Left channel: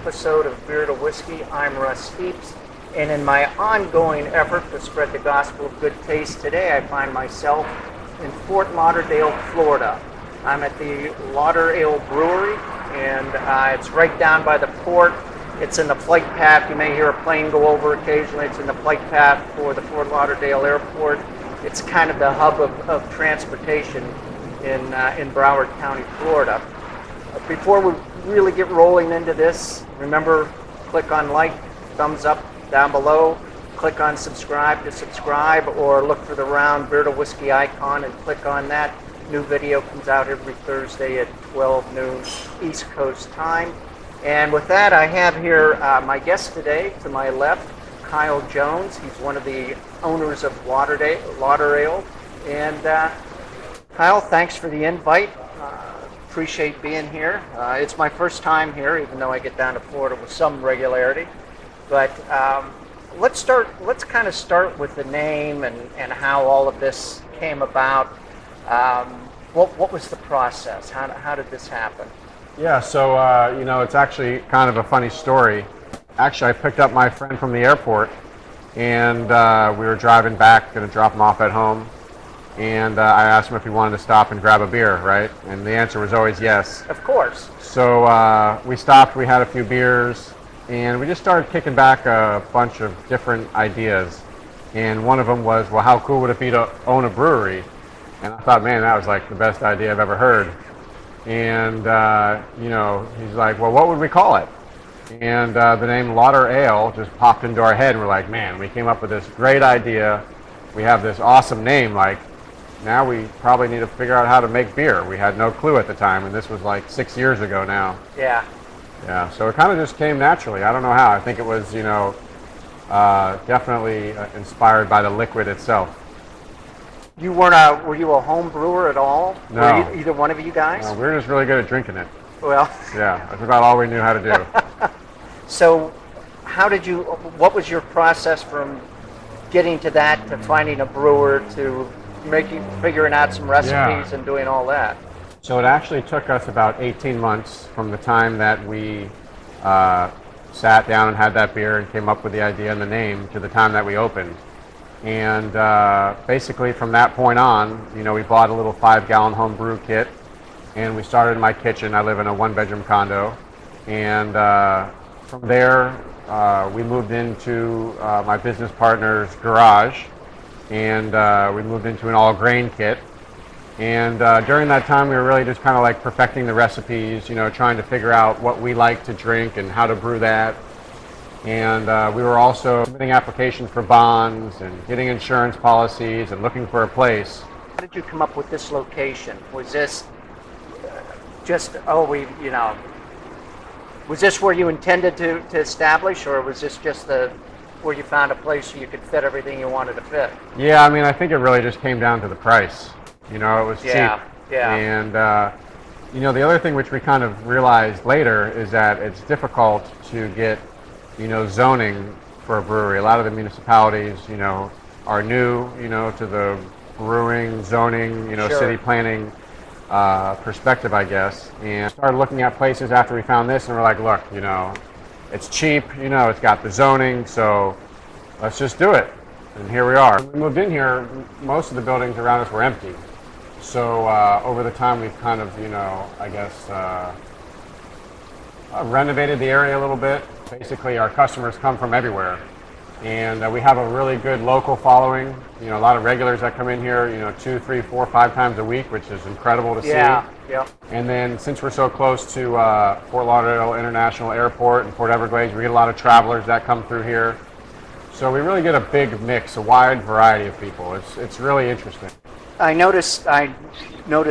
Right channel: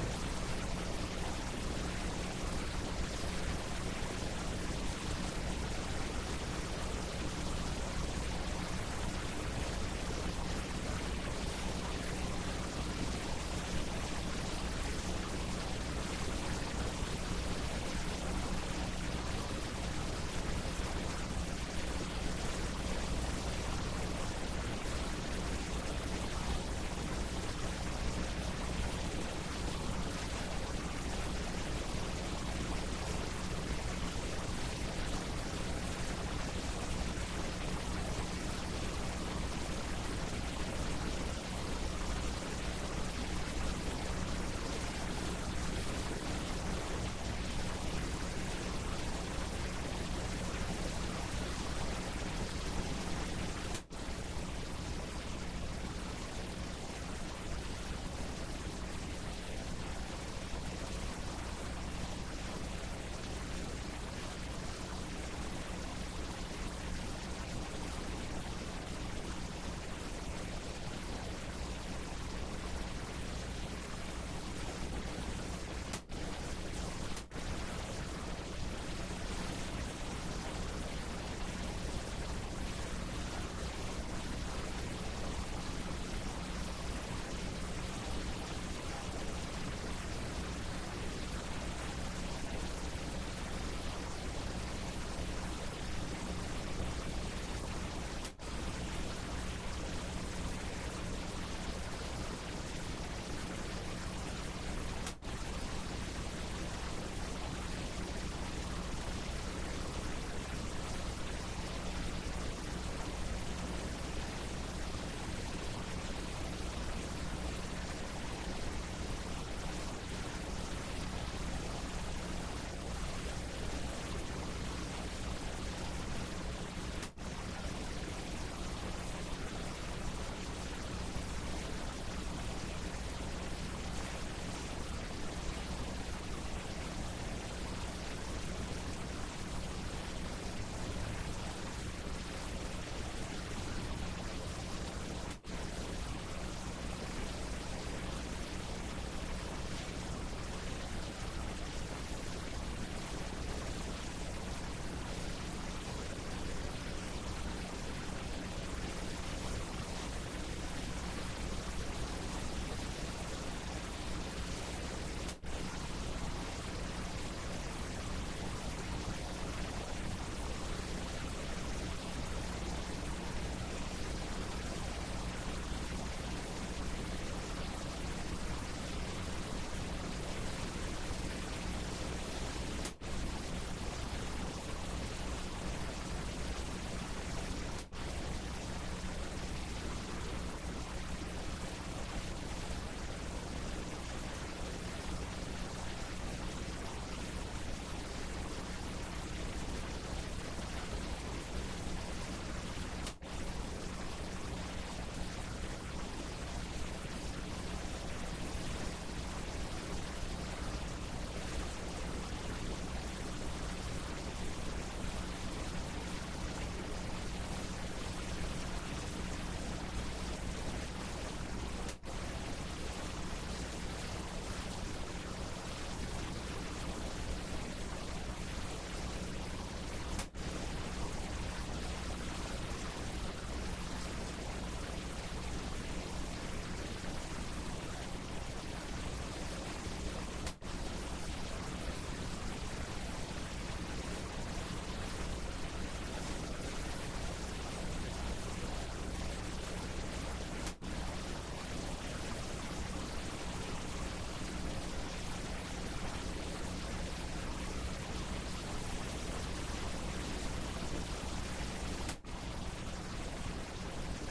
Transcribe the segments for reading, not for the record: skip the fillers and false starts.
episode of Beer to Whiskey. I'm Russ Heaps, and in my ongoing effort to spread the gospel of good taste today, I find myself in Fort Lauderdale, Florida. I'm at the LauderAle Brewery, and it's right down by the port. It's in the flight path. You may hear a plane go over occasionally. It's in the flight path for the Fort Lauderdale Airport. It's kind of the hub of transportation in Broward County, Florida. Before we really get rolling into this, remember, click on like, thumbs up down below, click on subscribe to subscribe, or look for the round Beer to Whiskey icon and click on that. New video comes out every Thursday at 12 noon East Coast time. And with that, I have here my guest today. To my left, Kyle Jones. He's one of the owners of LauderAle. And Kyle, thanks for the invite. Appreciate being here. It's my first time here, even though I get down to Florida with some regularity. But let's kind of start with the name and how all of this came about. What was the process? How did this happen? Yeah, so it's actually kind of a funny story. Actually, I picked up my friend from the airport, and we were driving back, going to drop him off at home. And I asked him if he wanted to stop and grab a beer, right? And the answer was always yes. Of course. So we stopped, we had a few beers, and we just started kicking back a bunch of different ideas. And one of them was, well, how cool would it be to own a brewery? And I thought, man, that was like the best idea I've ever heard. And, he's like, well, what would we call it? And the name LauderAle just popped into our head, and we're like, man, we came up with this great idea. We have this awesome name, like, now we probably need to figure out how to make beer. We had no clue at the time, and this was like 6 years ago now. Yeah. Yeah, so it kind of just came naturally. I don't know how. I think it was, definitely inspired by the liquid itself. Were you a home brewer at all? No. Were either one of you guys? No, we were just really good at drinking it. Well. Yeah, that's about all we knew how to do. So, what was your process from getting to that, to finding a brewer, to figuring out some recipes and doing all that? So it actually took us about 18 months from the time that we sat down and had that beer and came up with the idea and the name to the time that we opened. And basically from that point on, we bought a little 5-gallon home brew kit, and we started in my kitchen. I live in a 1-bedroom condo, and from there we moved into my business partner's garage, and we moved into an all-grain kit. And during that time, we were really just kind of like perfecting the recipes, trying to figure out what we like to drink and how to brew that. And we were also submitting applications for bonds and getting insurance policies and looking for a place. How did you come up with this location? Was this was this where you intended to establish, or was this just where you found a place where you could fit everything you wanted to fit? Yeah, I think it really just came down to the price. It was cheap. Yeah. And, the other thing which we kind of realized later is that it's difficult to get, zoning for a brewery. A lot of the municipalities, are new, to the brewing, zoning, Sure. city planning perspective, I guess. And started looking at places after we found this, and we're like, look, it's cheap, it's got the zoning, so let's just do it. And here we are. When we moved in here, most of the buildings around us were empty. So over the time, we've kind of, renovated the area a little bit. Basically, our customers come from everywhere. And we have a really good local following. A lot of regulars that come in here, 2, 3, 4, 5 times a week, which is incredible to see. Yeah. And then since we're so close to Fort Lauderdale International Airport and Port Everglades, we get a lot of travelers that come through here. So we really get a big mix, a wide variety of people. It's really interesting. I noticed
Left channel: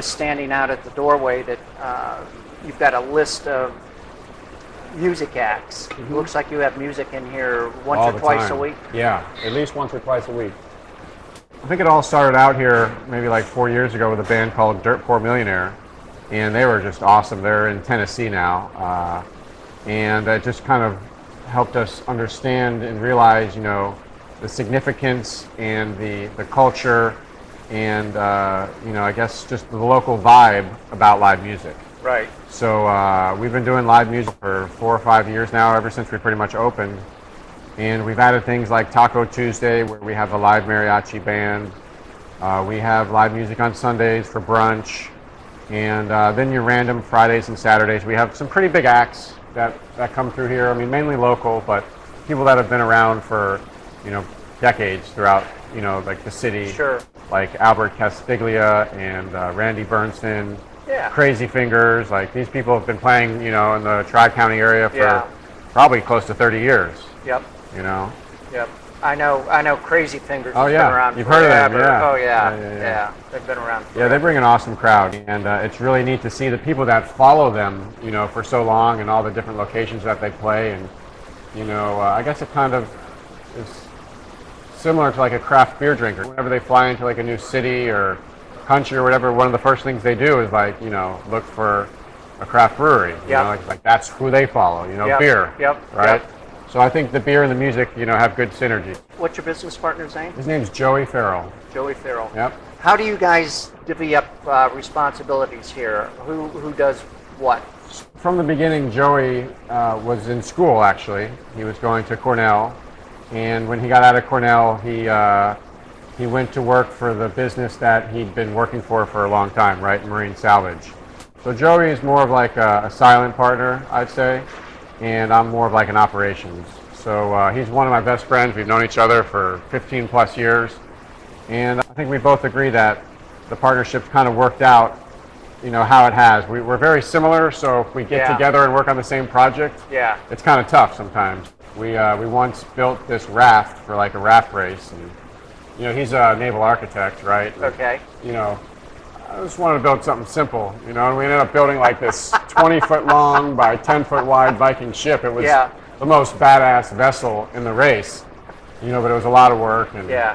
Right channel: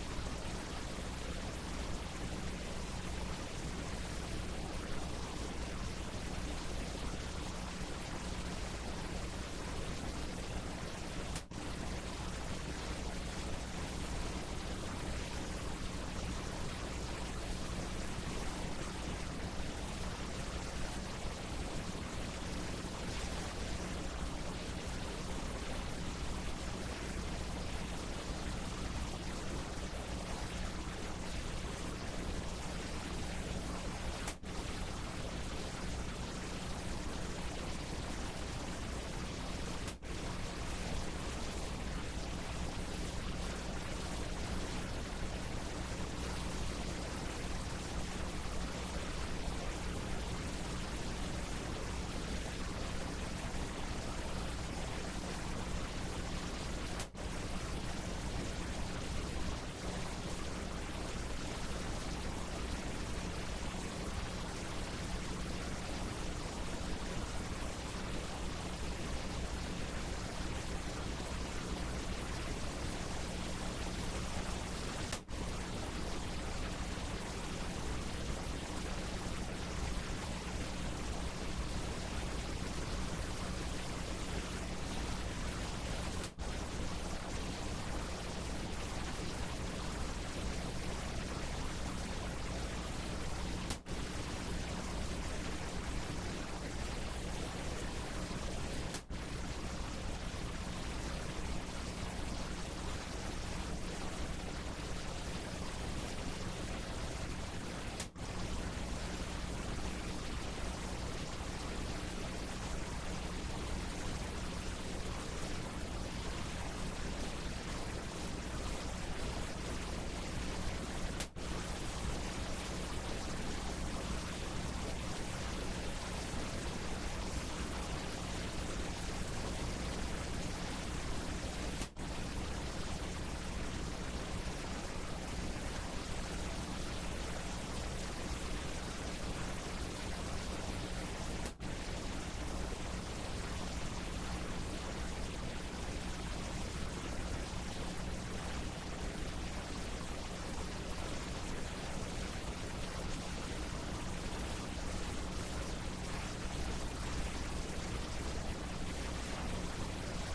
standing out at the doorway that you've got a list of music acts. Mm-hmm. It looks like you have music in here once All or the twice time. a week. Yeah, at least once or twice a week. I think it all started out here maybe like 4 years ago with a band called Dirt Poor Millionaire, and they were just awesome. They're in Tennessee now, and it just kind of helped us understand and realize, the significance and the culture and, I guess just the local vibe about live music. Right. So we've been doing live music for 4 or 5 years now, ever since we pretty much opened. And we've added things like Taco Tuesday, where we have a live mariachi band. We have live music on Sundays for brunch. And then your random Fridays and Saturdays. We have some pretty big acts that come through here. I mean, mainly local, but people that have been around for, decades throughout, like the city. Sure. Like Albert Castiglia and Randy Bernstein. Yeah. Crazy Fingers. Like, these people have been playing, in the Tri-County area for Yeah. probably close to 30 years. Yep. Yep. I know Crazy Fingers Oh, has yeah. been around You've forever. heard of them, yeah. Oh, yeah. Yeah. They've been around forever. Yeah, they bring an awesome crowd, and it's really neat to see the people that follow them, for so long, and all the different locations that they play. And, I guess it kind of is similar to like a craft beer drinker. Whenever they fly into like a new city or country or whatever, one of the first things they do is like, look for a craft brewery. Yep. Like that's who they follow, Yep. beer. Yep. Right? Yep. So I think the beer and the music, have good synergy. What's your business partner's name? His name's Joey Farrell. Joey Farrell. Yep. How do you guys divvy up responsibilities here? Who does what? From the beginning, Joey was in school, actually. He was going to Cornell. And when he got out of Cornell, he went to work for the business that he'd been working for a long time, right? Marine salvage. So Joey is more of like a silent partner, I'd say. And I'm more of like an operations. So he's one of my best friends. We've known each other for 15 plus years. And I think we both agree that the partnership's kind of worked out, how it has. We're very similar, so if we get Yeah. together and work on the same project, Yeah. it's kind of tough sometimes. We once built this raft for like a raft race. And, he's a naval architect, right? Okay. I just wanted to build something simple, and we ended up building like this 20-foot long by 10-foot wide Viking ship. It was the most badass vessel in the race, but it was a lot of work. And Yeah.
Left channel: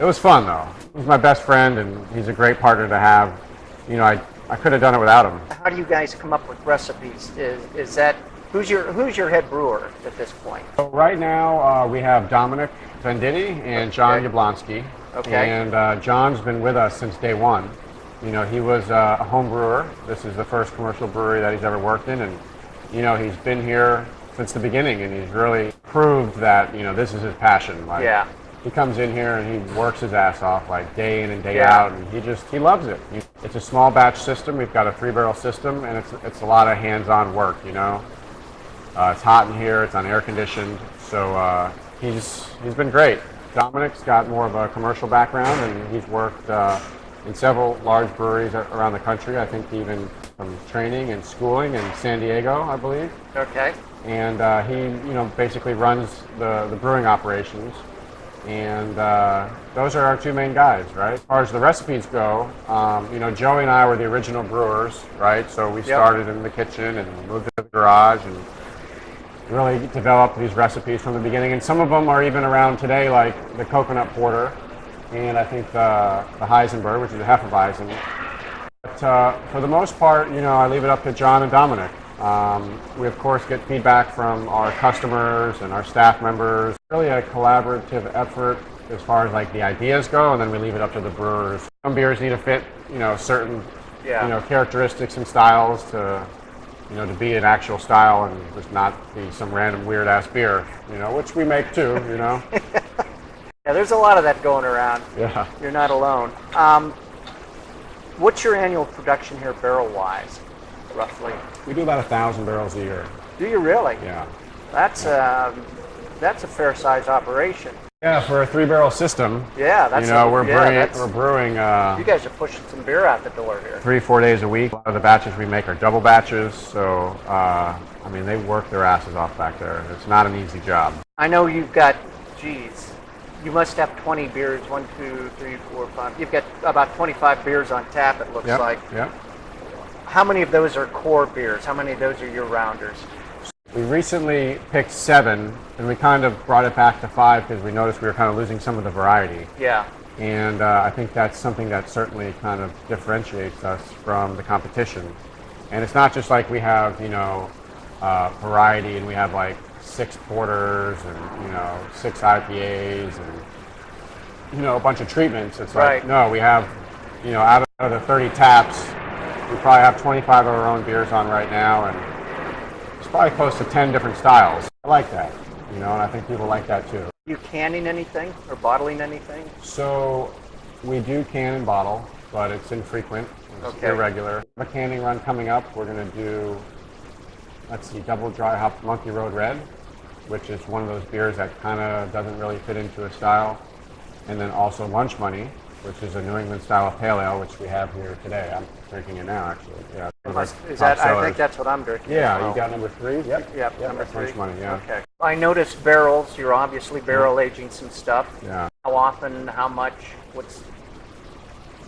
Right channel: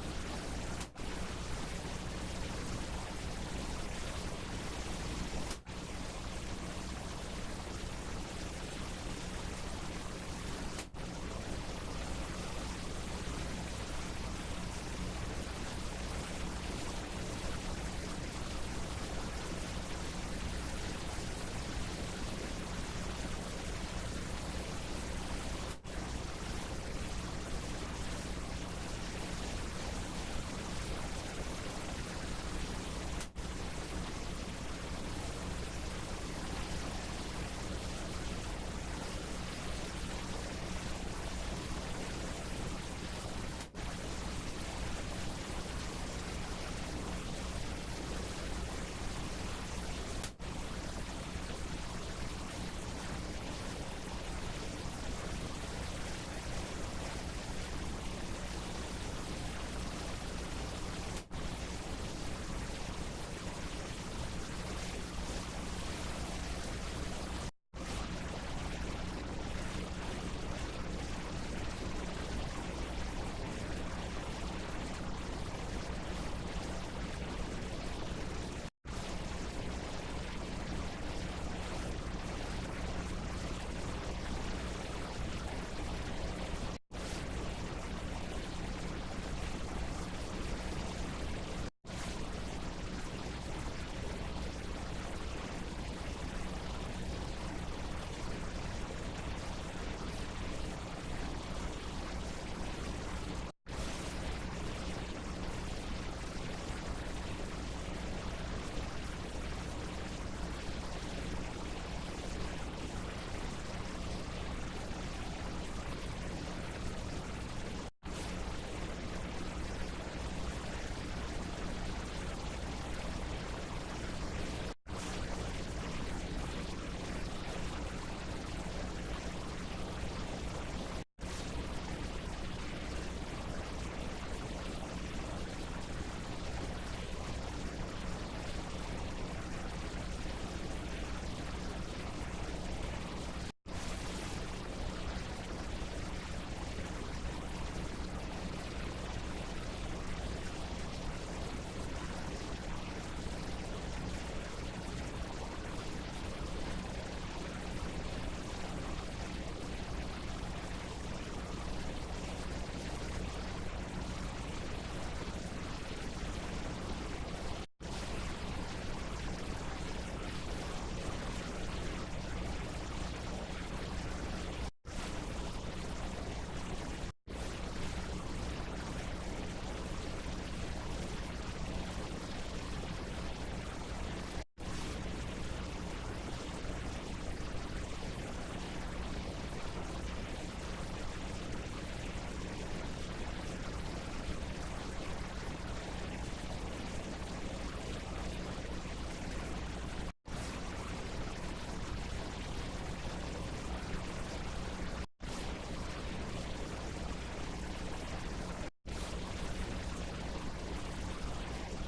it was fun though. He's my best friend, and he's a great partner to have. I could have done it without him. How do you guys come up with recipes? Is that who's your head brewer at this point? So right now we have Dominic Venditti and John Okay. Jablonski. Okay. And John's been with us since day one. He was a home brewer. This is the first commercial brewery that he's ever worked in, and he's been here since the beginning, and he's really proved that this is his passion. Like, Yeah. he comes in here and he works his ass off like day in and day Yeah. out, and he loves it. It's a small batch system. We've got a 3-barrel system, and it's a lot of hands-on work. It's hot in here. It's on air conditioned, so he's been great. Dominic's got more of a commercial background, and he's worked in several large breweries around the country. I think even some training and schooling in San Diego, I believe. Okay. And he, basically runs the brewing operations. And those are our two main guys, right? As far as the recipes go, Joey and I were the original brewers, right? So we started in the kitchen and moved to the garage and really developed these recipes from the beginning. And some of them are even around today, like the coconut porter, and I think the Heisenberg, which is a Hefeweizen. But for the most part, I leave it up to John and Dominic. We of course get feedback from our customers and our staff members. Really a collaborative effort as far as like the ideas go, and then we leave it up to the brewers. Some beers need to fit, certain, characteristics and styles to be an actual style and just not be some random weird ass beer, which we make too, Yeah, there's a lot of that going around. Yeah. You're not alone. What's your annual production here, barrel-wise, roughly? We do about 1,000 barrels a year. Do you really? Yeah. That's a fair-sized operation. Yeah, for a 3-barrel system. Yeah, that's we're brewing. You guys are pushing some beer out the door here. 3-4 days a week. A lot of the batches we make are double batches, so they work their asses off back there. It's not an easy job. I know you've got, you must have 20 beers. 1, 2, 3, 4, 5. You've got about 25 beers on tap. It looks like. Yep. How many of those are core beers? How many of those are your rounders? We recently picked 7, and we kind of brought it back to 5 because we noticed we were kind of losing some of the variety. Yeah. And I think that's something that certainly kind of differentiates us from the competition. And it's not just like we have, variety and we have like 6 porters and, 6 IPAs and, a bunch of treatments. It's like, Right. no, we have, out of the 30 taps, We probably have 25 of our own beers on right now, and it's probably close to 10 different styles. I like that, and I think people like that too. Are you canning anything or bottling anything? So we do can and bottle, but it's infrequent. It's irregular. A canning run coming up. We're going to do, let's see, double dry hop Monkey Road Red, which is one of those beers that kind of doesn't really fit into a style. And then also Lunch Money, which is a New England style pale ale, which we have here today. I'm drinking it now, actually. Yeah. I think that's what I'm drinking. Yeah, well. You got number 3? Yep, number 3. Lunch Money, yeah. Okay. I noticed barrels. You're obviously barrel aging some stuff. Yeah. How often? How much? What's?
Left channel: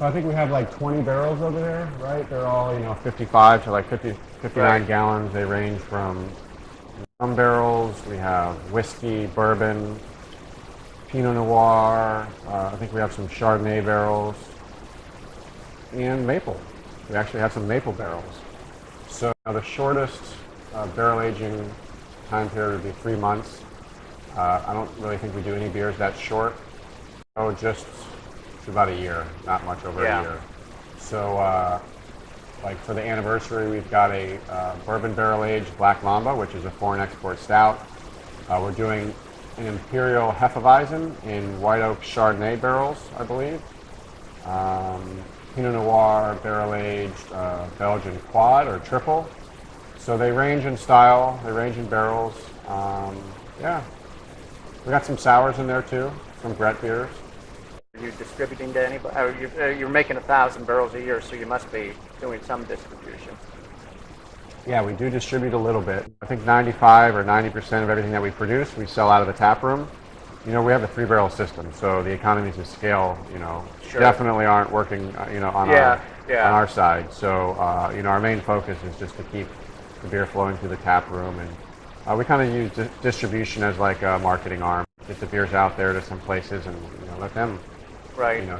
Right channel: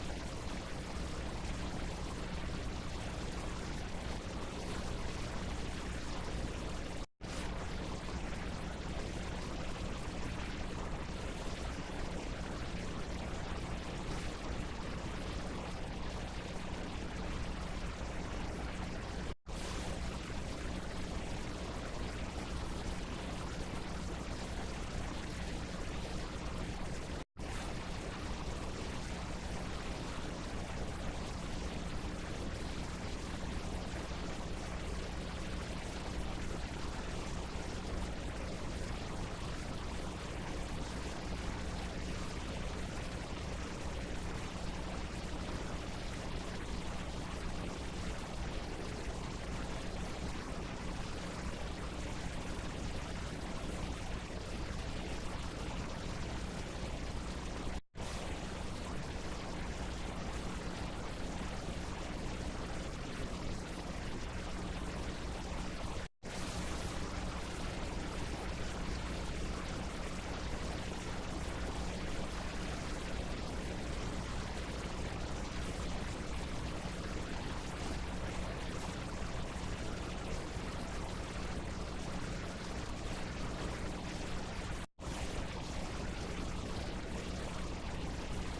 So I think we have like 20 barrels over there, right? They're all, 55 to like 59 gallons. They range from rum barrels. We have whiskey, bourbon, Pinot Noir. I think we have some Chardonnay barrels and maple. We actually have some maple barrels. So the shortest barrel aging time period would be 3 months. I don't really think we do any beers that short. So just about a year, not much over a year. So like for the anniversary, we've got a bourbon barrel aged Black Mamba, which is a foreign export stout. We're doing an Imperial Hefeweizen in White Oak Chardonnay barrels, I believe. Pinot Noir barrel aged Belgian quad or triple. So they range in style, they range in barrels. Yeah, we got some sours in there too, some Brett beers. Are you distributing to anybody? You're making 1,000 barrels a year, so you must be doing some distribution. Yeah, we do distribute a little bit. I think 95 or 90% of everything that we produce, we sell out of the tap room. We have a 3-barrel system, so the economies of scale, definitely aren't working, on our side. So, our main focus is just to keep the beer flowing through the tap room, and we kind of use distribution as like a marketing arm. Get the beers out there to some places and let them,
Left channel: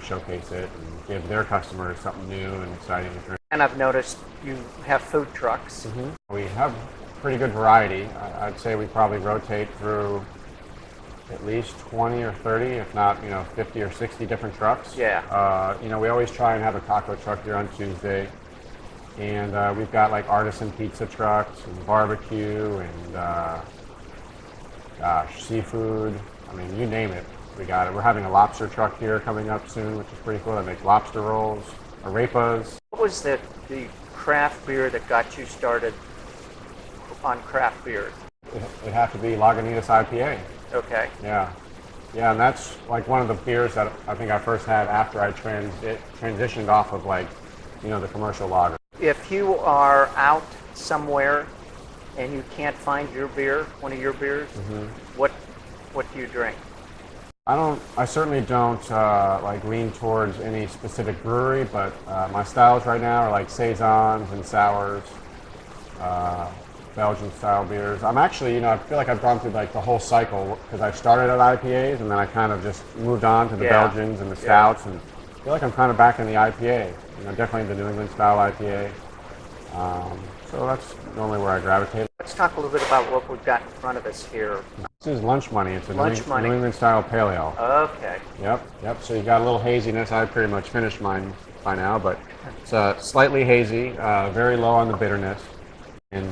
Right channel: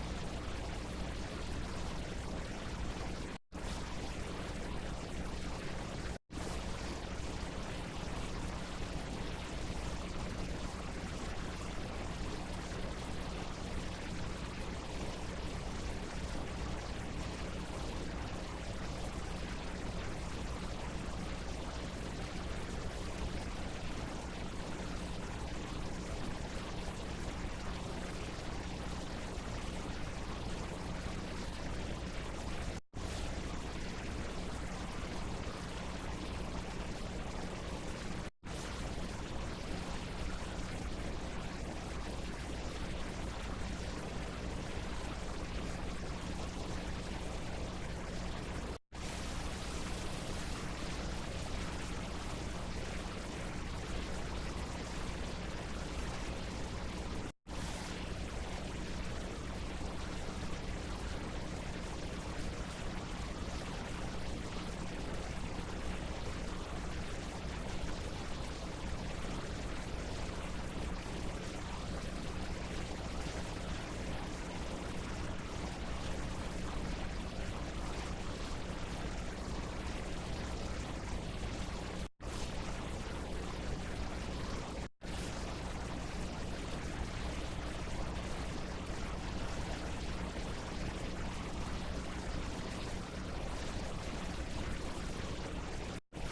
showcase it and give their customers something new and exciting to drink. And I've noticed you have food trucks. Mm-hmm. We have pretty good variety. I'd say we probably rotate through at least 20 or 30, if not, 50 or 60 different trucks. Yeah. We always try and have a taco truck here on Tuesday. And we've got like artisan pizza trucks and barbecue and, seafood. I mean, you name it, we got it. We're having a lobster truck here coming up soon, which is pretty cool. That makes lobster rolls, arepas. What was the craft beer that got you started on craft beer? It had to be Lagunitas IPA. Okay. Yeah, and that's like one of the beers that I think I first had after I transitioned off of the commercial lager. If you are out somewhere and you can't find your beer, one of your beers, what do you drink? I certainly don't lean towards any specific brewery, but my styles right now are like saisons and sours, Belgian style beers. I'm actually, I feel like I've gone through like the whole cycle because I started at IPAs and then I kind of just moved on to the Belgians and the stouts, and I feel like I'm kind of back in the IPA. Definitely the New England style IPA. So that's normally where I gravitate. Let's talk a little bit about what we've got in front of us here. This is Lunch Money. It's a New England style pale ale. Okay. Yep. So you got a little haziness. I pretty much finished mine by now, but it's slightly hazy, very low on the bitterness, and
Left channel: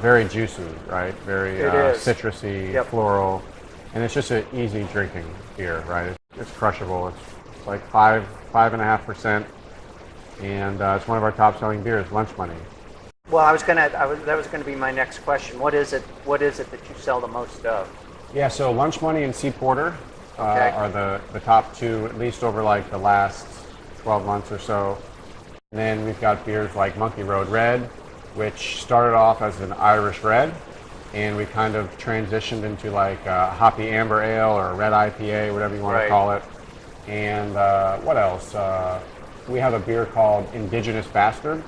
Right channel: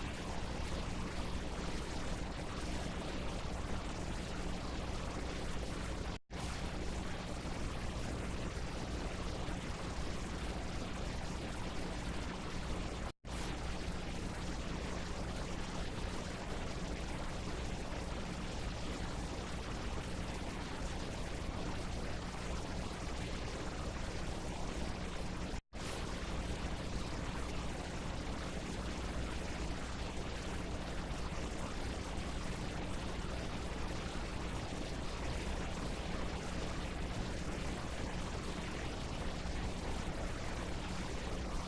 very juicy, right? Very citrusy, floral, and it's just an easy drinking beer, right? It's crushable. It's like 5.5%, and it's one of our top selling beers, Lunch Money. Well, that was gonna be my next question. What is it that you sell the most of? Yeah, so Lunch Money and Sea Porter are the top two, at least over like the last 12 months or so. And then we've got beers like Monkey Road Red, which started off as an Irish red, and we kind of transitioned into like a hoppy amber ale or a red IPA, whatever you want to call it. And what else? We have a beer called Indigenous Bastard,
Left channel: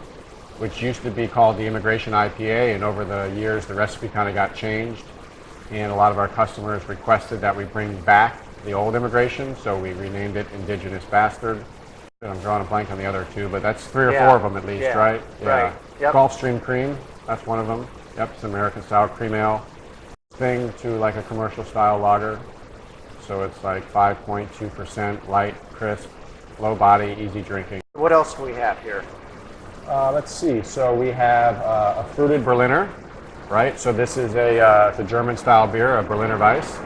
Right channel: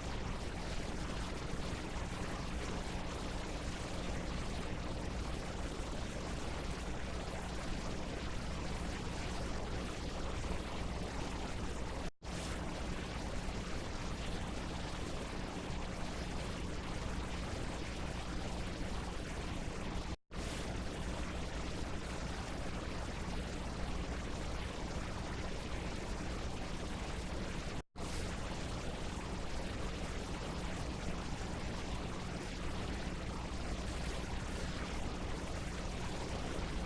which used to be called the Immigration IPA, and over the years the recipe kind of got changed, and a lot of our customers requested that we bring back the old Immigration, so we renamed it Indigenous Bastard. I'm drawing a blank on the other two, but that's 3 or 4 of them at least, right? Yeah. Right. Yep. Gulfstream Cream, that's one of them. Yep, it's American style cream ale. Thing to like a commercial style lager, so it's like 5.2% light, crisp, low body, easy drinking. What else do we have here? Let's see. So we have a fruited Berliner, right? So this is it's a German style beer, a Berliner Weiss,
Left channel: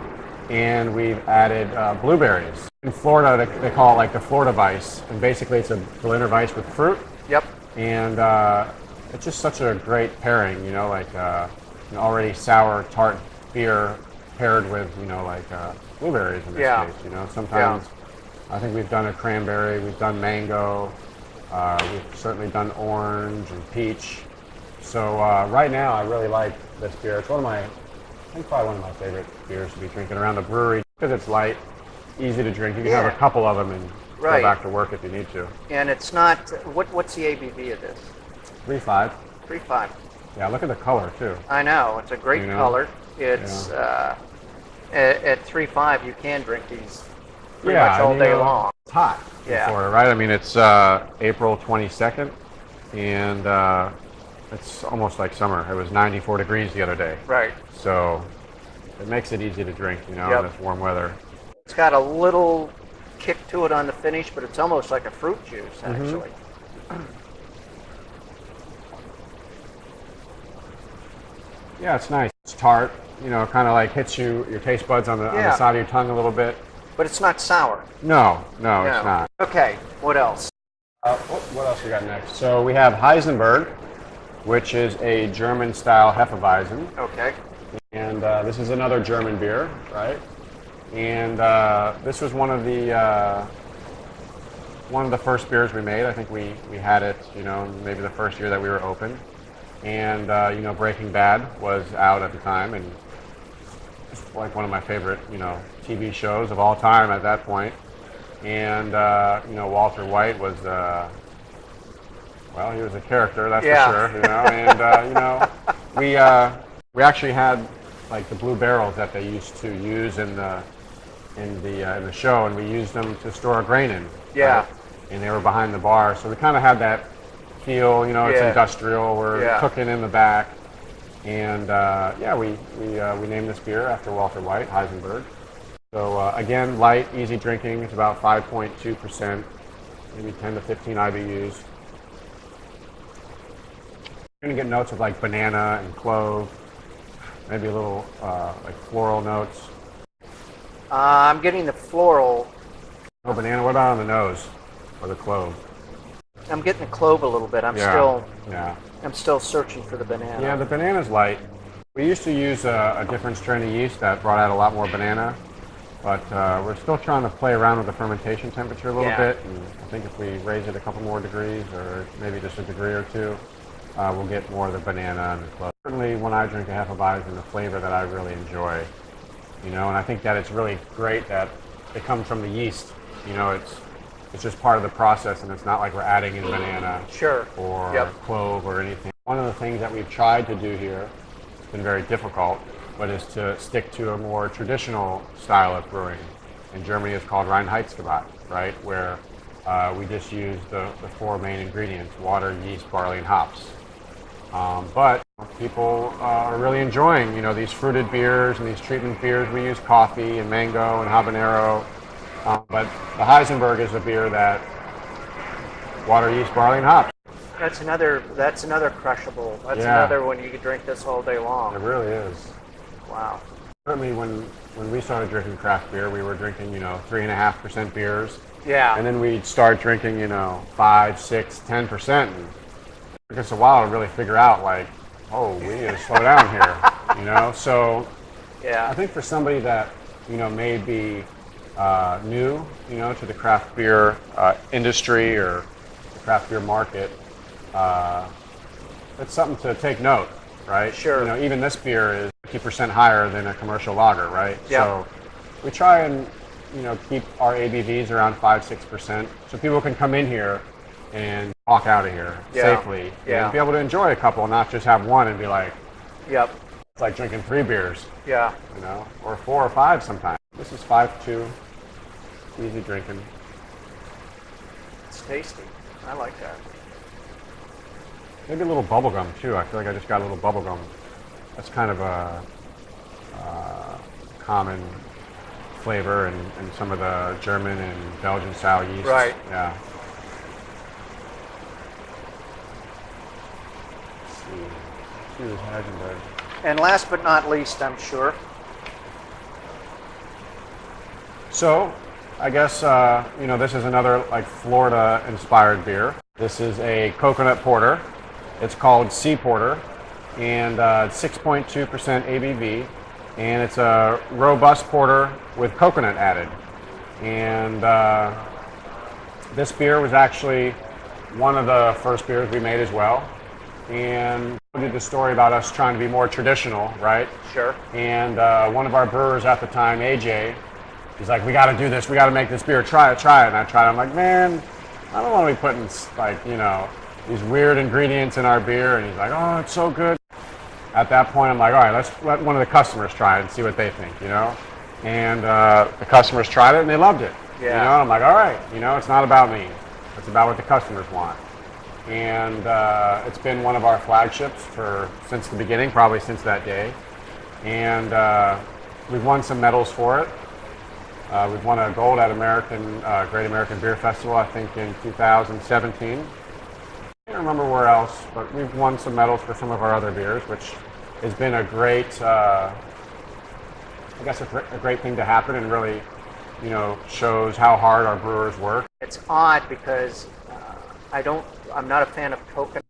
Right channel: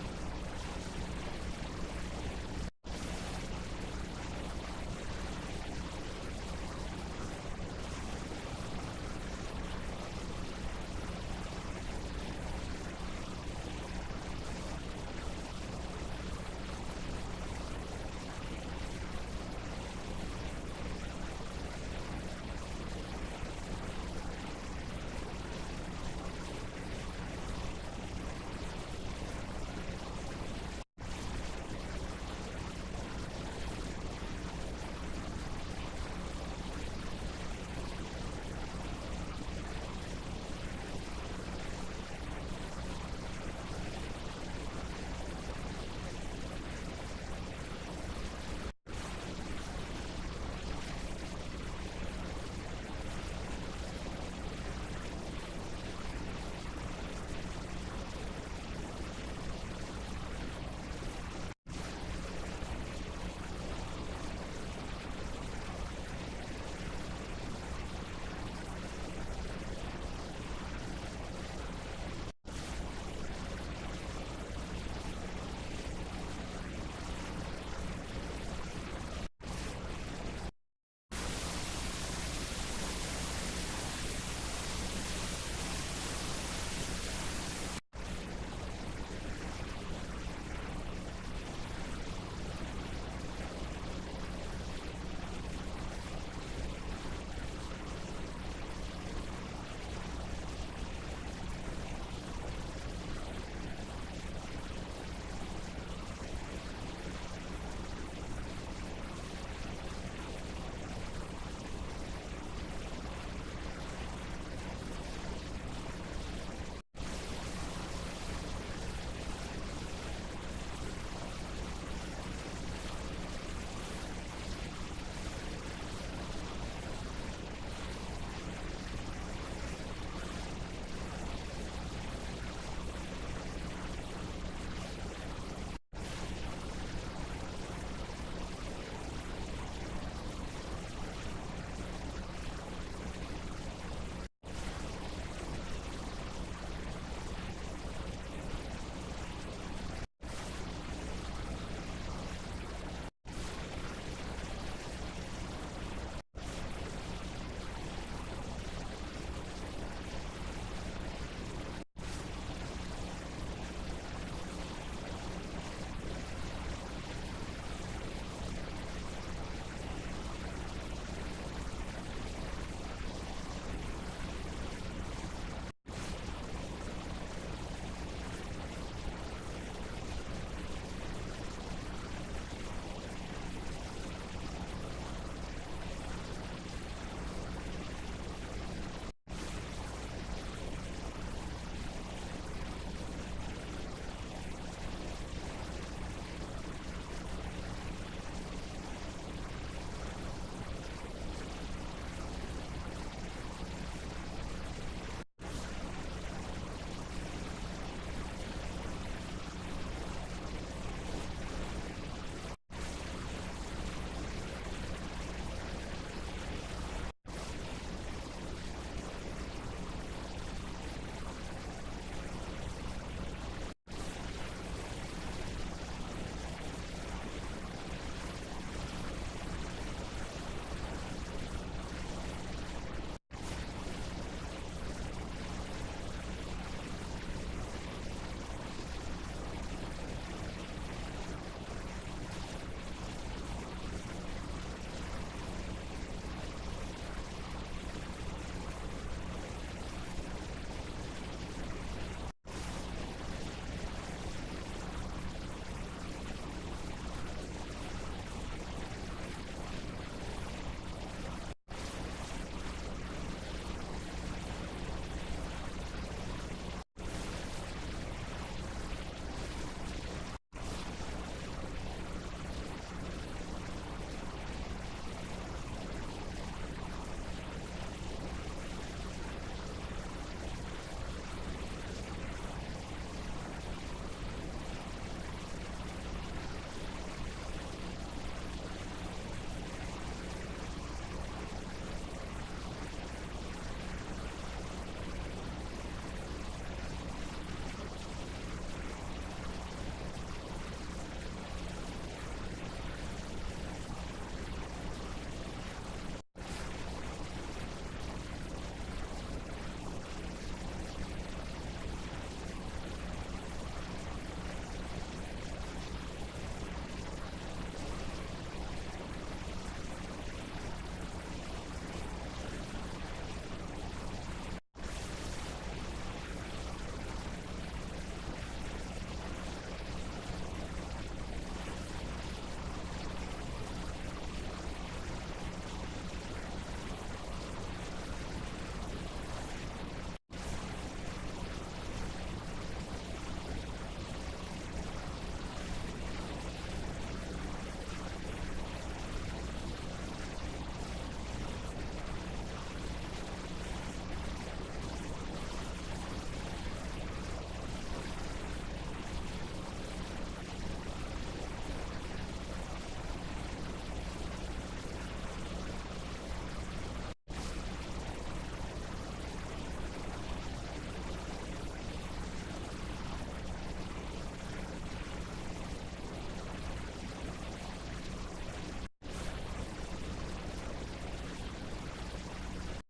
and we've added blueberries. In Florida, they call it like the Florida Weiss, and basically it's a Berliner Weiss with fruit. Yep. And it's just such a great pairing, you know, like an already sour tart beer paired with, you know, like blueberries in this case. You know, sometimes I think we've done a cranberry, we've done mango. We've certainly done orange and peach. So right now, I really like this beer. It's I think probably one of my favorite beers to be drinking around the brewery because it's light, easy to drink. You can have a couple of them and go back to work if you need to. And it's not, what's the ABV of this? 3.5. 3.5. Yeah, look at the color too. I know, it's a great color. It's at 3.5, you can drink these pretty much all day long. It's hot. Florida, right? I mean, it's April 22nd, and it's almost like summer. It was 94 degrees the other day. Right. So it makes it easy to drink, you know, in this warm weather. It's got a little kick to it on the finish, but it's almost like a fruit juice, actually. Yeah, it's nice. It's tart, you know, kind of like hits your taste buds on the side of your tongue a little bit. But it's not sour. No, it's not. Okay, what else? What else we got next? So we have Heisenberg, which is a German-style Hefeweizen. Okay. And this is another German beer, right? And this was one of the first beers we made. I think we had it, you know, maybe the first year that we were open. And you know, Breaking Bad was out at the time, and it's like one of my favorite, you know, TV shows of all time at that point. And you know, Walter White was well, he was a character, that's for sure, you know. And you know, we actually had like the blue barrels that they used to use in the show, and we used them to store grain in. Yeah. Right? And they were behind the bar, so we kind of had that feel, you know, it's industrial. We're cooking in the back, and we named this beer after Walter White, Heisenberg. So again, light, easy drinking. It's about 5.2%, maybe 10 to 15 IBUs. You're gonna get notes of like banana and clove, maybe a little like floral notes. I'm getting the floral. Oh, banana. What about on the nose or the clove? I'm getting the clove a little bit. I'm still searching for the banana. Yeah, the banana's light. We used to use a different strain of yeast that brought out a lot more banana, but we're still trying to play around with the fermentation temperature a little bit. And I think if we raise it a couple more degrees, or maybe just a degree or two, we'll get more of the banana and the clove. Certainly, when I drink a Hefeweizen, the flavor that I really enjoy, you know, and I think that it's really great that it comes from the yeast. You know, it's just part of the process, and it's not like we're adding in banana or clove or anything. One of the things that we've tried to do here, it's been very difficult, but is to stick to a more traditional style of brewing. In Germany, it's called Reinheitsgebot, right? Where we just use the four main ingredients: water, yeast, barley, and hops. But people are really enjoying, you know, these fruited beers and these treatment beers. We use coffee and mango and habanero. But the Heisenberg is a beer that water, yeast, barley, and hops. That's another crushable. That's another one you could drink this whole day long. It really is. Wow. Certainly when we started drinking craft beer, we were drinking, you know, 3.5% beers. Yeah. And then we'd start drinking, you know, 5, 6, 10%. And it took us a while to really figure out, like, oh, we need to slow down here, you know? So I think for somebody that, you know, may be new, you know, to the craft beer industry or the craft beer market, it's something to take note, right? Sure. You know, even this beer is 50% higher than a commercial lager, right? Yeah. So we try and, you know, keep our ABVs around 5-6%, so people can come in here and walk out of here safely and be able to enjoy a couple, not just have one and be like, it's like drinking 3 beers. Yeah. You know, or 4 or 5 sometimes. This is 5.2. Easy drinking. It's tasty. I like that. Maybe a little bubble gum too. I feel like I just got a little bubble gum. That's kind of a common flavor in some of the German and Belgian style yeasts. Right. Yeah. And last but not least, I'm sure. So, I guess, this is another like Florida-inspired beer. This is a coconut porter. It's called Sea Porter, and 6.2% ABV, and it's a robust porter with coconut added. And this beer was actually one of the first beers we made as well. And we did the story about us trying to be more traditional, right? Sure. And one of our brewers at the time, AJ, he's like, we got to do this. We got to make this beer. Try it. And I tried it. I'm like, man, I don't want to be putting these weird ingredients in our beer. And he's like, oh, it's so good. At that point, I'm like, all right, let's let one of the customers try it and see what they think, And the customers tried it and they loved it. Yeah. And I'm like, all right, it's not about me. It's about what the customers want. And it's been one of our flagships since the beginning, probably since that day. And we've won some medals for it. We've won a gold at Great American Beer Festival, I think in 2017. I don't remember where else, but we've won some medals for some of our other beers, which has been a great, a great thing to happen, and really, shows how hard our brewers work. It's odd because I'm not a fan of coconut,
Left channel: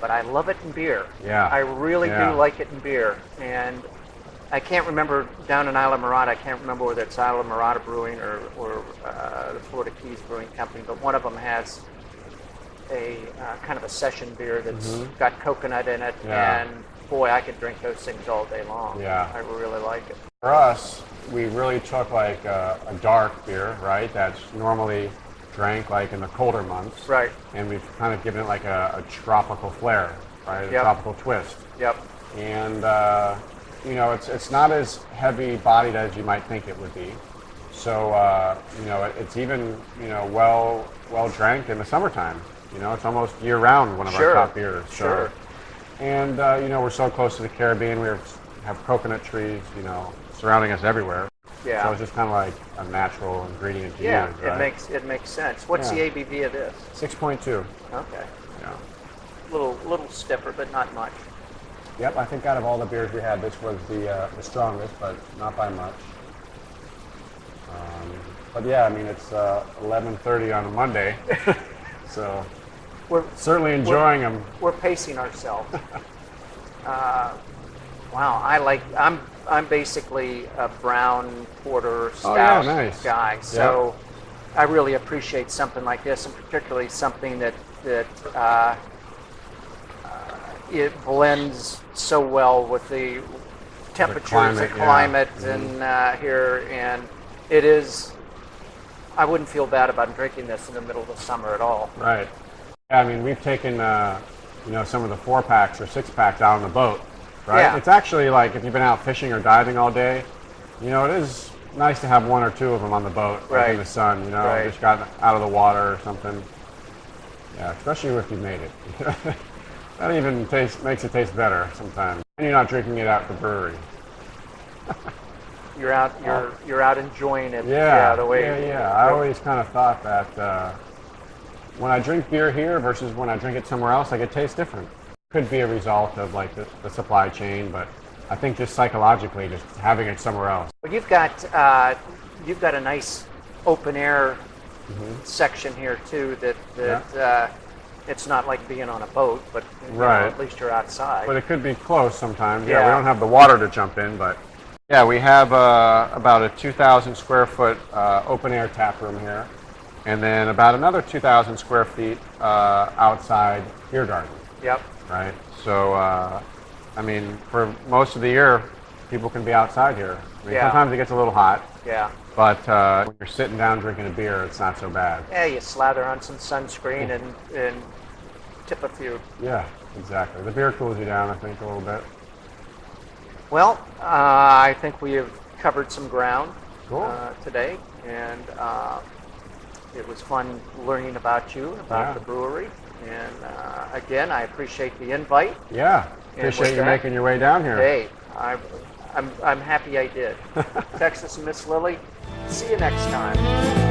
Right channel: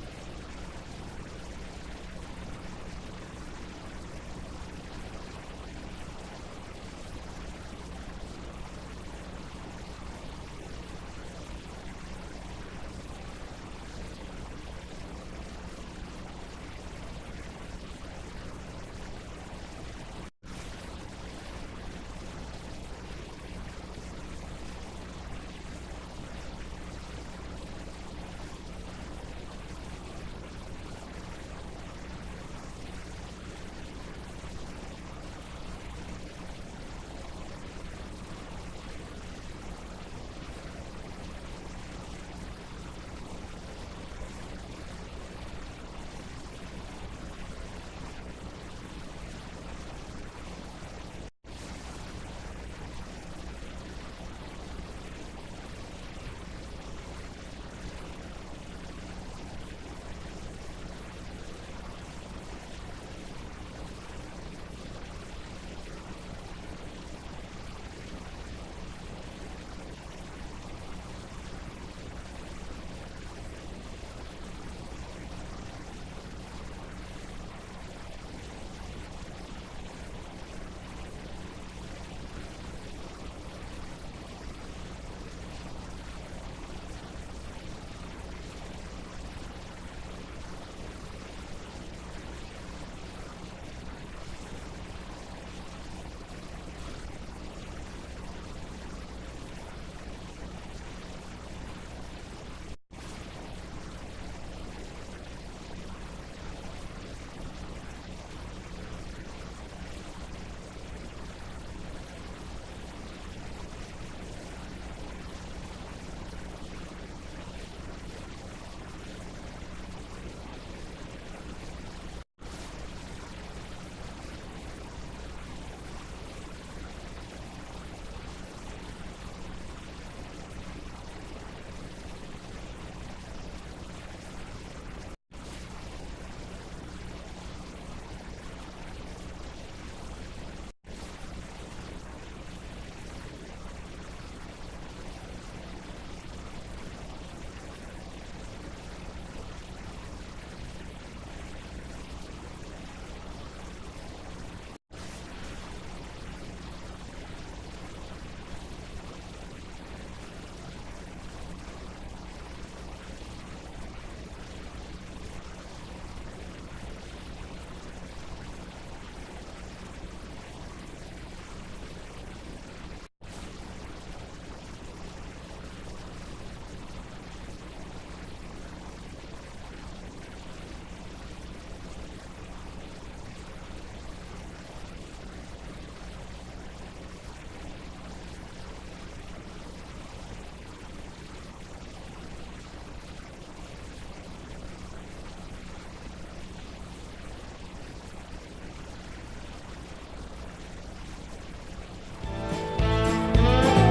but I love it in beer. Yeah. I really do like it in beer. And I can't remember down in Isla Mirada, I can't remember whether it's Isla Mirada Brewing or the Florida Keys Brewing Company, but one of them has a kind of a session beer that's got coconut in it, and boy, I could drink those things all day long. Yeah. I really like it. For us, we really took like a dark beer, right, that's normally drank like in the colder months. Right. And we've kind of given it like a tropical flair, right, a tropical twist. Yep. And, it's not as heavy bodied as you might think it would be. So, it's even, well drank in the summertime. It's almost year round, one of our top beers. So, sure. And, we're so close to the Caribbean. We have coconut trees, surrounding us everywhere. Yeah. So it's just kind of like a natural ingredient to use, right? it makes sense. What's the ABV of this? 6.2. Okay. Yeah. Little stiffer, but not much. Yep, I think out of all the beers we had, this was the strongest, but not by much. But yeah, I mean, it's 11:30 on a Monday, so We're certainly enjoying them. We're pacing ourselves. Wow, I'm basically a brown porter stout guy, so I really appreciate something like this, and particularly something that it blends so well with the temperatures, the climate, and here, and it is. I wouldn't feel bad about drinking this in the middle of the summer at all. Right. Yeah, I mean, we've taken some of the 4-packs or 6-packs out on the boat. Right? Yeah. It's actually like if you've been out fishing or diving all day, it is nice to have one or two of them on the boat, like in the sun, just got out of the water or something. Yeah, especially if you made it. That even makes it taste better sometimes. And you're not drinking it at the brewery. You're out enjoying it. Yeah, the way. Yeah. I always kind of thought that when I drink beer here versus when I drink it somewhere else, like it tastes different. Could be a result of like the supply chain, but I think just psychologically, just having it somewhere else. Well, you've got a nice open air section here too. That it's not like being on a boat, but at least you're outside. But it could be close sometimes. Yeah, we don't have the water to jump in, but yeah, we have about a 2,000 square foot open air tap room here, and then about another 2,000 square feet outside beer garden. Yep. Right. So, I mean, for most of the year, people can be outside here. I mean, sometimes it gets a little hot. Yeah. But when you're sitting down drinking a beer, it's not so bad. Yeah, you slather on some sunscreen and tip a few. Yeah, exactly. The beer cools you down, I think, a little bit. Well, I think we have covered some ground today, and it was fun learning about you, about the brewery. And again, I appreciate the invite. Yeah, appreciate you making your way down here. Hey, I'm happy I did. Texas and Miss Lily, see you next time.